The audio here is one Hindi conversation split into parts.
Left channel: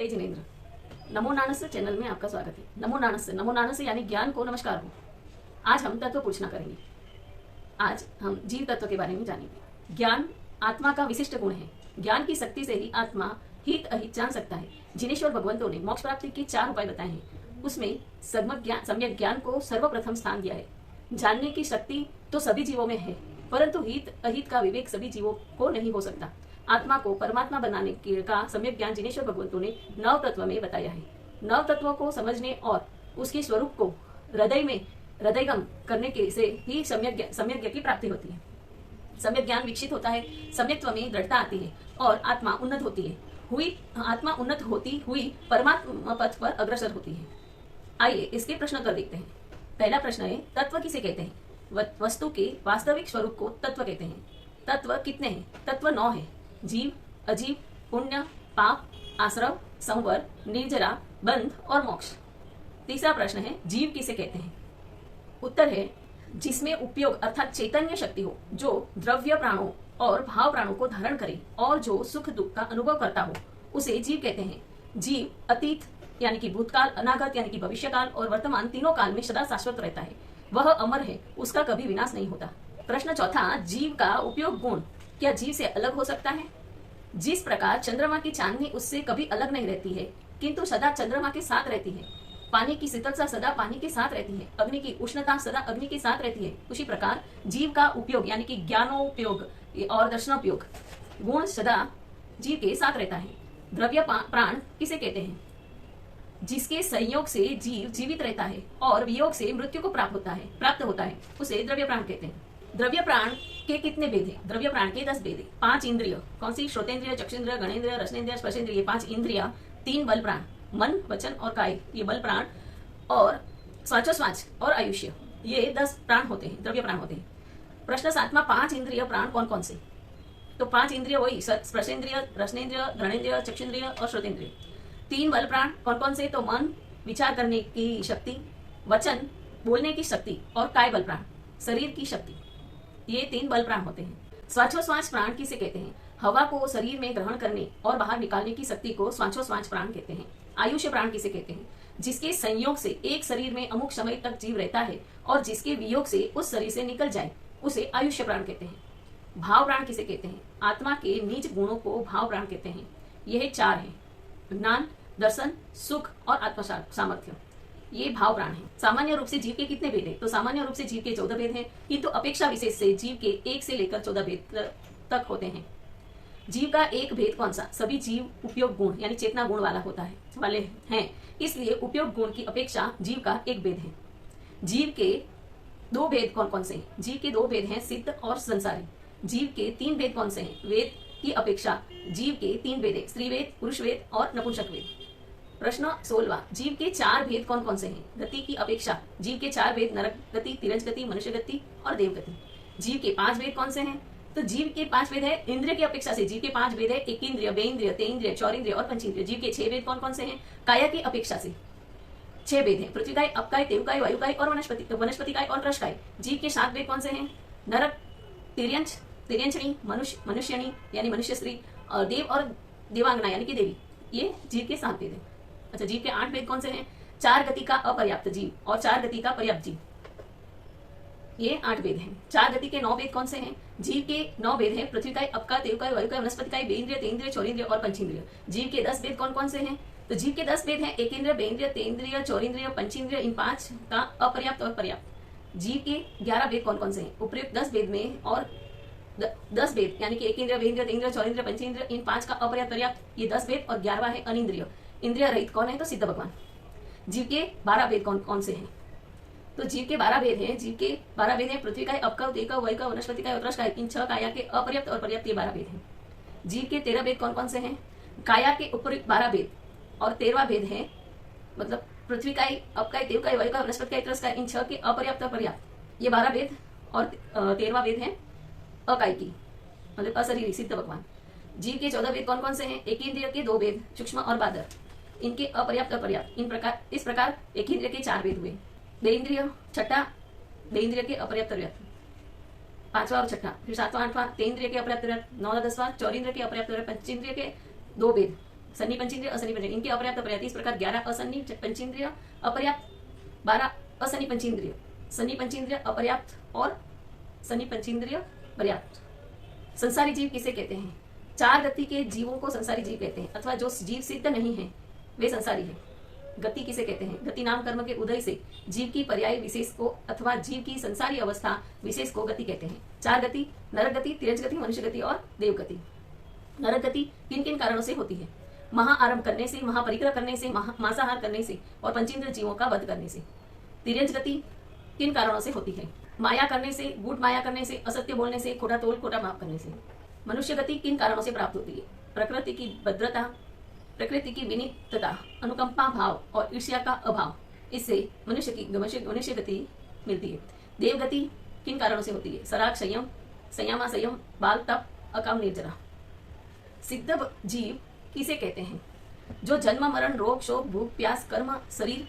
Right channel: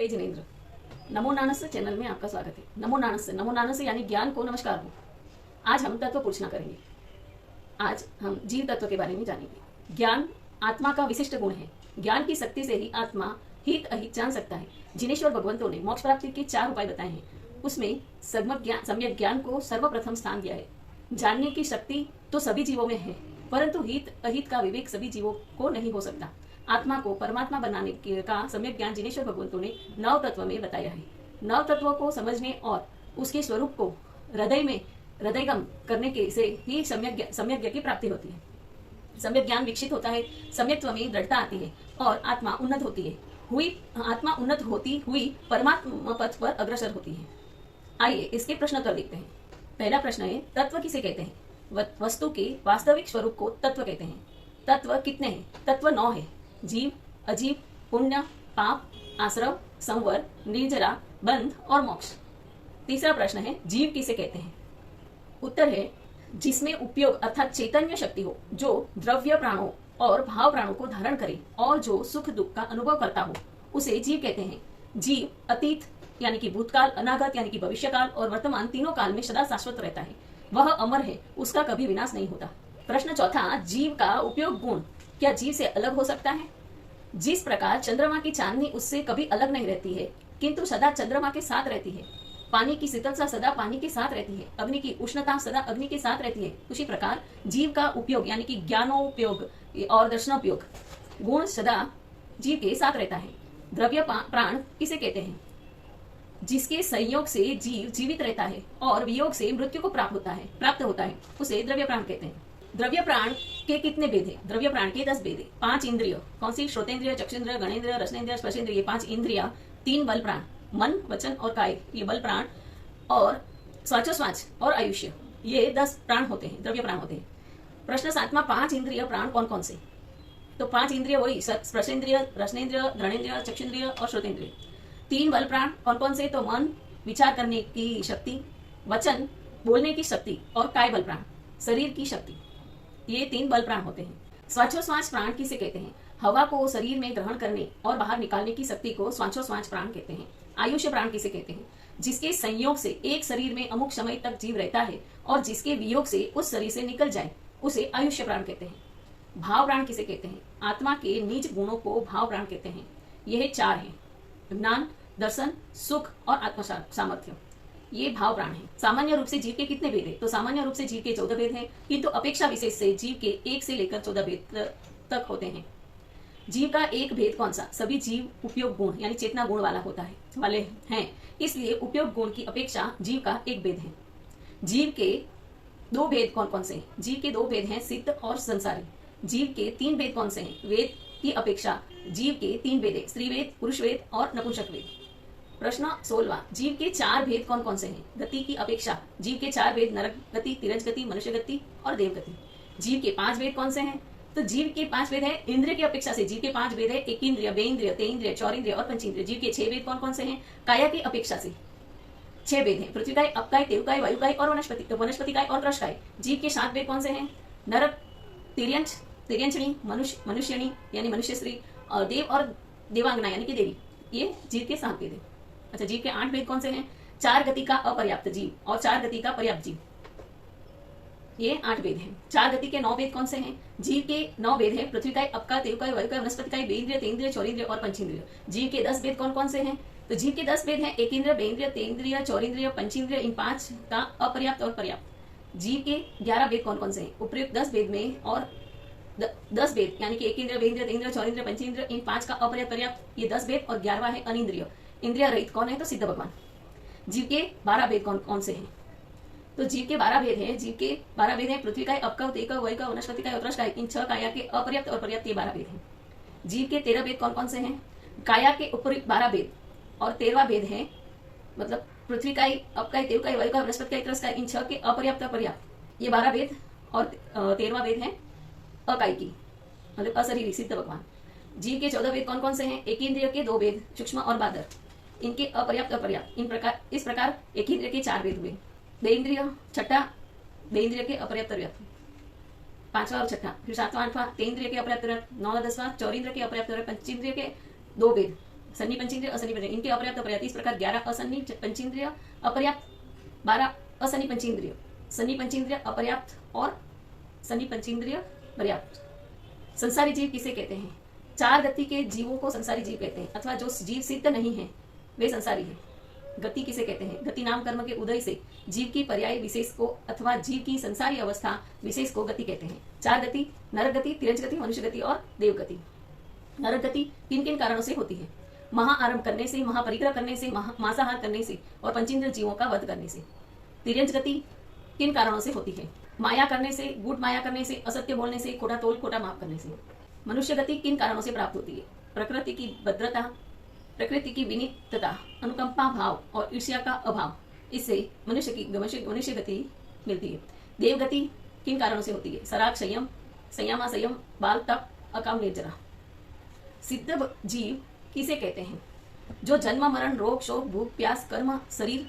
जय जिनेन्द्र। नमो नानस चैनल में आपका स्वागत है। नमो नानस यानी ज्ञान को नमस्कार हो। आज हम तत्व पूछना करेंगे। आज हम जीव तत्व के बारे में जानेंगे। ज्ञान आत्मा का विशिष्ट गुण है। ज्ञान की शक्ति से ही आत्मा हित अहित जान सकता है। जिनेश्वर भगवंतों ने मोक्ष प्राप्ति के 4 उपाय बताए हैं। उसमें सम्यक ज्ञान को सर्वप्रथम स्थान दिया है। जानने की शक्ति तो सभी जीवों में है, परंतु हित अहित का विवेक सभी जीवों को नहीं हो सकता। आत्मा को परमात्मा बनाने का सम्यक ज्ञान जिनेश्वर भगवंतों ने 9 तत्व में बताया है। 9 तत्वों को समझने और उसके स्वरूप को हृदयगम करने के से ही सम्यक की प्राप्ति होती है। सम्यक ज्ञान विकसित होता है, सम्यक्त्व में दृढ़ता आती है और आत्मा उन्नत होती है। आत्मा उन्नत होती हुई परमात्मा पथ पर अग्रसर होती है। आइए इसके प्रश्न कर देखते हैं। पहला प्रश्न है, तत्व किसे कहते हैं? वस्तु के वास्तविक स्वरूप को तत्व कहते हैं। तत्व कितने हैं? तत्व 9 है। जीव, अजीव, पुण्य, पाप, आश्रव, संवर, निर्जरा, बंध और मोक्ष। तीसरा प्रश्न है, जीव किसे कहते हैं? उत्तर है, जिसमें उपयोग अर्थात चैतन्य शक्ति हो, जो द्रव्य प्राणों और भाव प्राणों को धारण करे और जो सुख दुख का अनुभव करता हो, उसे जीव कहते हैं। जीव अतीत यानी कि भूतकाल, अनागत यानी कि भविष्यकाल और वर्तमान तीनों काल में सदा शाश्वत रहता है। वह अमर है, उसका कभी विनाश नहीं होता। प्रश्न चौथा, जीव का उपयोग गुण क्या जीव से अलग हो सकता है? जिस प्रकार चंद्रमा की चांदनी उससे कभी अलग नहीं रहती है, किंतु सदा चंद्रमा के साथ रहती है। पानी की शीतलता सदा पानी के साथ रहती है। अग्नि की उष्णता सदा अग्नि के साथ रहती है। उसी प्रकार जीव का उपयोग यानी कि ज्ञानोपयोग और दर्शनोपयोग गुण सदा जीव के साथ रहता है। द्रव्य प्राण किसे कहते हैं? जिसके संयोग से जीव जीवित रहता है और वियोग से मृत्यु को प्राप्त होता है, उसे द्रव्य प्राण कहते हैं। द्रव्य प्राण के कितने भेद हैं? द्रव्य प्राण के 10 भेद हैं। 5 इंद्रिय, कौन सी? श्रोतेंद्रिय, चक्षुंद्रिय, घ्राणेन्द्रिय, रसनेन्द्रिय, स्पर्शेन्द्रिय, ये 5 इंद्रिया। 3 बल प्राण, मन, वचन और काय, ये बल प्राण। और स्वाचोस्वाच और आयुष्य, ये 10 प्राण होते हैं, द्रव्य प्राण होते हैं। प्रश्न 7वां, 5 इंद्रिय प्राण कौन कौन से? तो 5 इंद्रिय वही स्पर्शेन्द्रिय, रसनेन्द्रिय, घ्राणेन्द्रिय, चक्षुंद्रिय और श्रोतेंद्रिय। 3 बल प्राण कौन कौन से? तो मन, विचार करने की शक्ति, वचन, बोलने की शक्ति और काय बल प्राण, शरीर की शक्ति। ये 3 बल प्राण होते हैं। श्वासोश्वास प्राण किसे कहते हैं? हवा को शरीर में ग्रहण करने और बाहर निकालने की शक्ति को श्वासोश्वास प्राण कहते हैं। आयुष्य प्राण किसे कहते हैं? जिसके संयोग से एक शरीर में अमुक समय तक जीव रहता है और जिसके वियोग से उस शरीर से निकल जाए, उसे आयुष्य प्राण कहते हैं। भाव प्राण किसे कहते हैं? आत्मा के नीच गुणों को भाव प्राण कहते हैं। यह 4 हैं, ज्ञान, दर्शन, सुख और आत्म सामर्थ्य, ये भाव प्राण है। सामान्य रूप से जीव के कितने भेद है? तो सामान्य रूप से जीव के 14 भेद हैं, किंतु अपेक्षा विशेष से जीव के 1 से लेकर 14 भेद तक होते हैं। जीव का एक भेद कौन सा? सभी जीव उपयोग गुण यानी चेतना गुण वाले हैं, इसलिए उपयोग गुण की अपेक्षा जीव का एक भेद है। जीव के 2 भेद कौन कौन से हैं? जीव के 2 भेद हैं, सिद्ध और संसारी। जीव के 3 भेद कौन से हैं? वेद की अपेक्षा जीव के 3 भेद है, स्त्री वेद, पुरुष वेद और नपुंसक वेद। प्रश्न 16वां, जीव के 4 भेद कौन कौन से हैं? गति की अपेक्षा जीव के 4 भेद, नरक गति, तिरंज गति, मनुष्य गति और देव गति। जीव के 5 भेद कौन से हैं? तो जीव के 5 भेद है इंद्रिय की अपेक्षा से। जीव के 5 भेद है, एकेंद्रिय, बेइंद्रिय, तेइंद्रिय, चौरिंद्रिय और पंचेंद्रिय। जीव के 6 भेद कौन कौन से हैं? काया की अपेक्षा से 6 भेद हैं, पृथ्वी काय, अपकाय, तेवकाय, वायुकाय और वनस्पति काय और कृषकाय। जीव के 7 भेद कौन से हैं? नरक, तिर्यंच, तिर्यंचणी, मनुष्यणी यानी मनुष्य स्त्री और देव और देवांगना यानी कि देवी, ये जीव के 7 भेद हैं। अच्छा, जीव के 8 भेद कौन से हैं? 4 गति का अपर्याप्त जीव और 4 गति का पर्याप्त जीव, ये 8 भेद हैं। 4 गति के 9 भेद कौन से हैं? जीव के 9 भेद हैं, पृथ्वी काय, अपका, तेवकाय, वायुकाय, वनस्पति, बेइंद्रिय, तेइंद्रिय, चौरिंद्रिय और पंचेंद्रिय। जीव के 10 भेद कौन कौन से हैं? तो जीव के 10 भेद हैं, एकेंद्रिय, बेइंद्रिय, तेइंद्रिय, चौरिंद्रिय, पंचेंद्रिय, इन 5 का अपर्याप्त और पर्याप्त। जीव के 11 भेद कौन कौन से हैं? उपयुक्त 10 भेद में और 10 भेद यानी कि एकेंद्रिय, बेइंद्रिय, तेइंद्रिय, चौरिंद्रिय, पंचेंद्रिय, इन 5 का अपर्याप्त पर्याप्त, ये 10 भेद। और 11वां है अनिंद्रिय, इंद्रिय रहित कौन है? तो सिद्ध भगवान। जीव के 12 भेद कौन कौन से हैं? तो जीव के 12 भेद हैं। जीव के 12 भेद हैं, पृथ्वी काय, अपकव, तेकव, वैकव, वनस्पति काय और त्रस काय, इन 6 काया के अपर्याप्त और पर्याप्त, ये 12 भेद हैं। जीव के 13 भेद कौन कौन से हैं? काया के ऊपर 12 भेद और 13वां भेद है, मतलब पृथ्वी काय, अपकाय, तेवकाय, वैकव, वनस्पति काय, त्रस काय, इन 6 के अपर्याप्त और पर्याप्त, ये 12 भेद। और 13वां भेद है अकाय की, मतलब अशरीरी सिद्ध भगवान। जीव के 14 भेद कौन कौन से हैं? एकेंद्रिय के 2 भेद, सूक्ष्म और बादर, इनके अपर्याप्त और पर्याप्त। इस प्रकार एकेंद्रिय के 4 भेद हुए। बेइंद्रिय, छठा बेइंद्रिय के अपर्याप्त पर्याप्त, 5वां और छठा, फिर 7वां 8वां तेइंद्रिय के अपर्याप्त पर्याप्त, 9वां 10वां चौरिंद्रिय के अपर्याप्त पर्याप्त, पंचेंद्रिय के 2 भेद, सन्नी पंचेंद्रिय, असन्नी पंचेंद्रिय, इनके अपर्याप्त अपर्याप्त, इस प्रकार 11 असन्नी पंचेंद्रिय अपर्याप्त, 12 असन्नी पंचेंद्रिय, सन्नी पंचेंद्रिय अपर्याप्त और सन्नी पंचेंद्रिय पर्याप्त। संसारी जीव किसे कहते हैं? 4 गति के जीवों को संसारी जीव कहते हैं, अथवा जो जीव सिद्ध नहीं है वे संसारी है। गति किसे कहते हैं? गति नाम कर्म के उदय से जीव की पर्याय विशेष को अथवा जीव की संसारी अवस्था विशेष को गति कहते हैं। 4 गति: नरक गति, तिर्यंच गति, मनुष्य गति और देव गति। नरक गति किन किन कारणों से होती है? महा आरंभ करने से, महापरिग्रह करने से, मांसाहार करने से और पंचेंद्र जीवों का वध करने से। तिर्यंच गति किन कारणों से होती है? माया करने से, गूढ़ माया करने से, असत्य बोलने से, खोटा तोल खोटा माप करने से। मनुष्य गति किन कारणों से प्राप्त होती है? प्रकृति की भद्रता, प्रकृति की विनीतता, अनुकंपा भाव और ईर्ष्या का अभाव, इससे मनुष्य गति मिलती है। देव गति किन कारणों से होती है? सराग, संयम, संयमा, संयम, बाल, तप, अकाम, निर्जरा। सिद्ध जीव किसे कहते हैं? जो जन्म, मरण, रोग, शोक, भूख, प्यास, कर्म, शरीर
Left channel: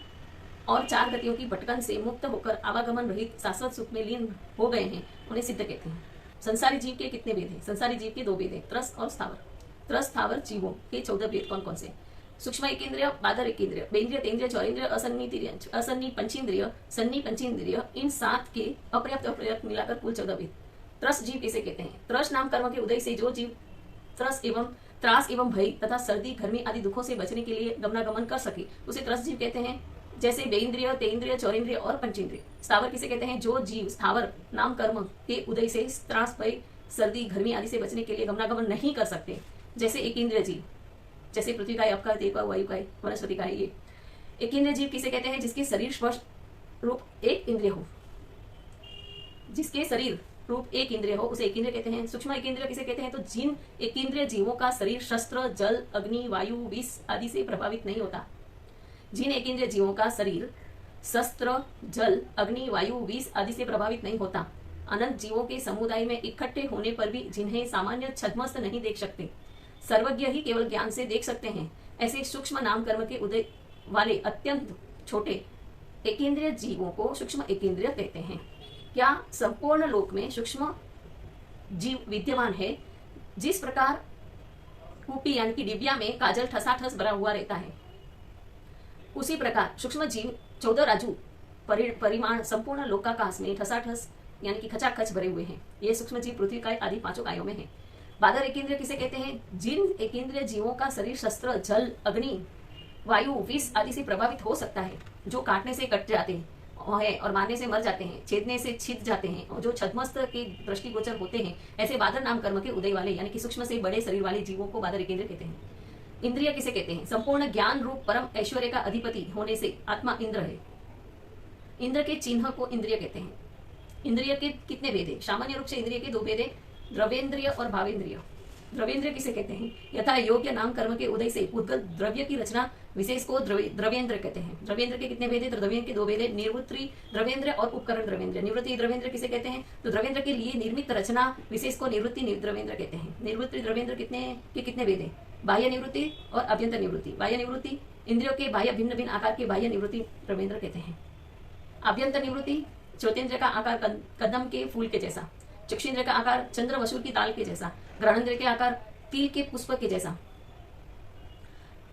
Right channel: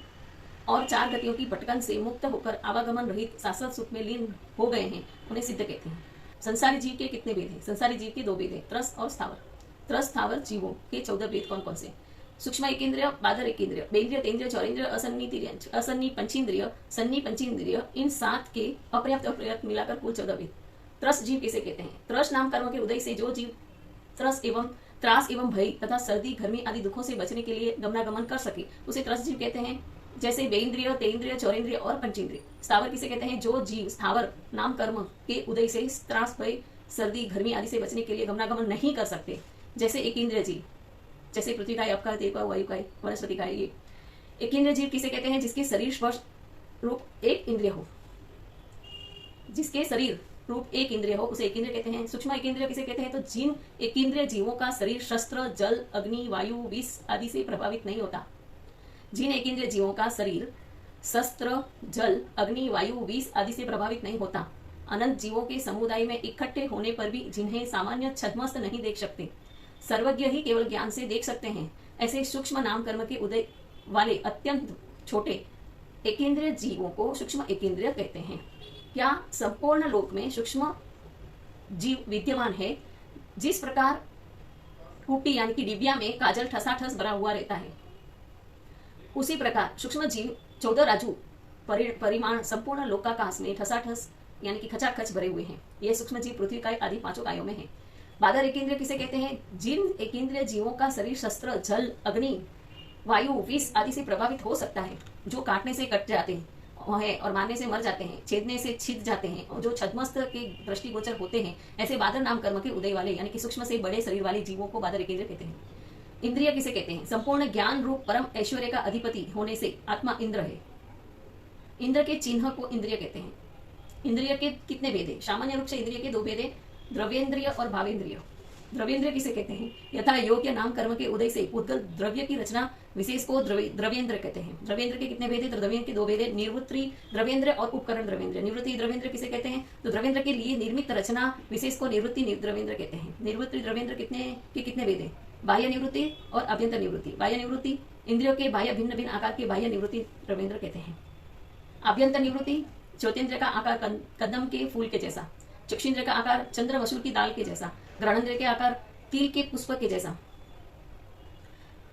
और 4 गतियों की भटकन से मुक्त होकर आवागमन रहित शाश्वत सुख में लीन हो गए हैं, उन्हें सिद्ध कहते हैं। संसारी जीव के कितने भेद हैं? संसारी जीव के 2 भेद हैं, त्रस और स्थावर। त्रस स्थावर जीवों के 14 भेद कौन कौन से? सूक्ष्म एकेंद्रिय, बादर एकेंद्रिय, बेंद्रिय, तेंद्रिय, चौरेंद्रिय, असन्नी तिर्यंच, असन्नी पंचेंद्रिय, सन्नी पंचेंद्रिय, इन 7 के अपर्याप्त अपर्याप्त मिलाकर कुल 14 भेद। त्रस जीव किसे कहते हैं? त्रस नाम कर्म के उदय से जो जीव त्रास एवं भय तथा सर्दी, गर्मी आदि दुखों से बचने के लिए गमनागमन कर सके, उसे त्रस जीव कहते हैं। जैसे बेंद्रिय, तेंद्रिय, चौरेंद्रिय और पंचेंद्रिय। स्थावर किसे कहते हैं? जो जीव स्थावर नाम कर्म के उदय से त्रास, भय, सर्दी, गर्मी आदि से बचने के लिए गमनागमन नहीं कर सकते। जैसे एकेंद्रिय जीव, जैसे पृथ्वी का, आपका, देव का, वायु का, वनस्पति का है। ये एकेंद्रिय जीव किसे कहते हैं? जिसके शरीर स्पर्श रूप एक इंद्रिय हो, जिसके शरीर रूप एक इंद्रिय हो उसे एकेंद्रिय कहते हैं। सूक्ष्म एकेंद्रिय किसे कहते हैं? तो जिन एकेंद्रिय जीवों का शरीर शस्त्र, जल, अग्नि, वायु, विष आदि से प्रभावित नहीं होता। जिन एकेंद्रिय जीवों का शरीर शस्त्र, जल, अग्नि, वायु, विष आदि से प्रभावित नहीं होता। अनंत जीवों के समुदाय में इकट्ठे होने पर भी जिन्हें सामान्य छद्मस्त नहीं देख सकते, सर्वज्ञ ही केवल ज्ञान से देख सकते हैं, ऐसे सूक्ष्म नाम कर्म के उदय वाले अत्यंत छोटे एकेंद्रिय जीवों को सूक्ष्म एकेंद्रिय कहते हैं। क्या संपूर्ण लोक में सूक्ष्म जीव विद्यमान है? जिस प्रकार कूपी यानी कि डिबिया में काजल ठसाठस भरा हुआ रहता है, उसी प्रकार सूक्ष्म जीव 14 राजू परिमाण संपूर्ण लोकाकाश में ठसाठस यानी कि खचाखच भरे हुए हैं। ये सूक्ष्म जीव पृथ्वी काय आदि 5 कायों में है। बादर एकेंद्रिय किसे कहते हैं? जिन एकेंद्रिय जीवों का शरीर शस्त्र, जल, अग्नि, वायु, विष आदि से प्रभावित हो सकता है, जो काटने से कट जाते हैं और मारने से मर जाते हैं, छेदने से छिद जाते हैं और जो छद्मस्त के दृष्टिगोचर होते हैं, ऐसे बादर नाम कर्म के उदय वाले यानी कि सूक्ष्म से बड़े शरीर वाले जीवों को बादर एकेंद्रिय कहते हैं। इंद्रिय किसे कहते हैं? संपूर्ण ज्ञान रूप परम ऐश्वर्य का अधिपति होने से आत्मा इंद्र है। इंद्र के चिन्ह को इंद्रिय कहते हैं। इंद्रिय के कितने भेद हैं? सामान्य रूप से इंद्रिय के 2 भेद हैं, द्रव्येंद्रिय और भावेंद्रिय। द्रव्येंद्रिय किसे कहते हैं? यथा योग्य नाम कर्म के उदय से उद्गल द्रव्य की रचना विशेष को द्रव्येंद्र कहते हैं। द्रव्येंद्र के कितने भेद हैं? द्रव्येंद्र के 2 भेद हैं, निवृत्ति द्रव्येंद्र और उपकरण द्रव्येंद्र। निवृत्ति द्रव्येंद्र किसे कहते हैं? तो द्रव्येंद्र के लिए निर्मित रचना विशेष को निवृत्ति द्रव्येंद्र कहते हैं। निवृत्ति द्रव्येंद्र कितने भेद हैं? बाह्य निवृत्ति और अभ्यंतर निवृत्ति। बाह्य निवृत्ति इंद्रियों के बाह्य भिन्न भिन्न आकार के बाह्य निवृत्ति द्रव्येंद्र कहते हैं। अभ्यंतर निवृत्ति चौतेंद्र का आकार कदम के फूल के जैसा, चक्षुन्द्र का आकार चंद्र मसूर की दाल के जैसा, ग्रहणेंद्र के आकार तिल के पुष्प के जैसा,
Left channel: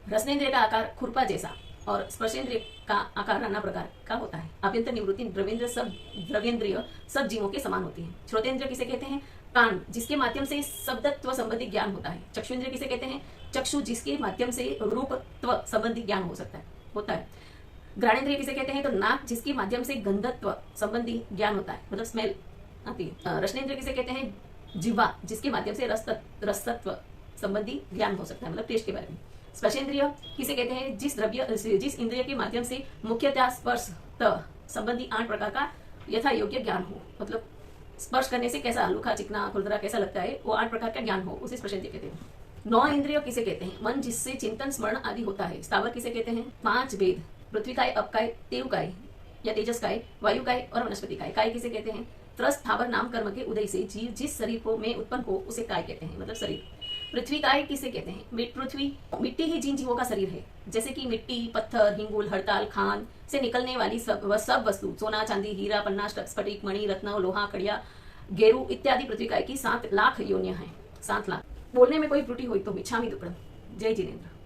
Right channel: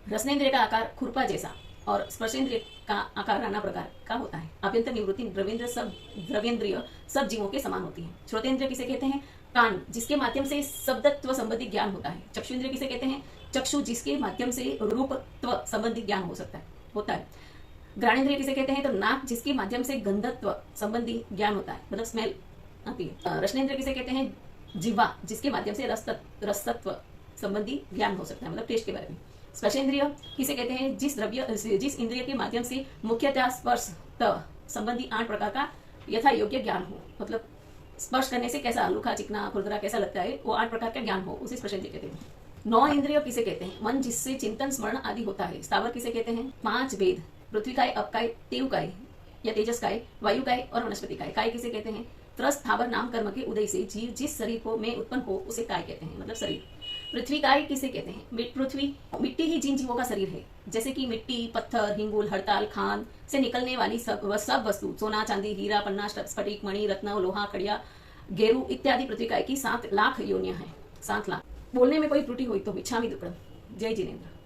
रसनेंद्र का आकार खुरपा जैसा और स्पर्शेंद्रिय का आकार नाना प्रकार का होता है। अभ्यंतर निवृत्ति द्रव्येंद्रिय सब जीवों के समान होती है। श्रोतेंद्र किसे कहते हैं? कान, जिसके माध्यम से शब्दत्व संबंधी ज्ञान होता है। चक्षुन्द्र किसे कहते हैं? चक्षु, जिसके माध्यम से रूपत्व संबंधी ज्ञान होता है। घ्राणेंद्रिय किसे कहते हैं? तो नाक, जिसके माध्यम से गंधत्व संबंधी ज्ञान होता है, मतलब स्मेल आती है। रसनेंद्र किसे कहते हैं? जिह्वा, जिसके माध्यम से रसत्व संबंधी ज्ञान हो सकता है, मतलब टेस्ट के बारे में। स्पर्शेंद्रिय किसे कहते हैं? जिस इंद्रिय के माध्यम से मुख्यतः स्पर्श संबंधी 8 प्रकार का यथा योग्य ज्ञान हो, मतलब स्पर्श करने से कैसा लुखा, चिकना, खुरदरा कैसा लगता है, वो 8 प्रकार का ज्ञान हो, उसे स्पर्शेंद्रिय कहते हैं। 9 इंद्रिय किसे कहते हैं? मन, जिससे चिंतन स्मरण आदि होता है। स्थावर किसे कहते हैं? 5 भेद, पृथ्वी काय, अपकाय, तेव काय या तेजस काय, वायु काय और वनस्पति काय। काय किसे कहते हैं? त्रस स्थावर नाम कर्म के उदय से जीव जिस शरीर को में उत्पन्न हो उसे काय कहते हैं, मतलब शरीर। पृथ्वी काय किसे कहते हैं? पृथ्वी मिट्टी ही जिन जीवों का शरीर है, जैसे कि मिट्टी, पत्थर, हिंगुल, हड़ताल, खान से निकलने वाली सब वस्तु, सोना, चांदी, हीरा, पन्ना, स्फटिक, मणि, रत्न, लोहा, खड़िया, गेरू इत्यादि पृथ्वी काय की 7 लाख योनियां हैं। 7 लाख। बोलने में कोई त्रुटि हुई तो मिच्छामि दुक्कडम। जय जिनेन्द्र।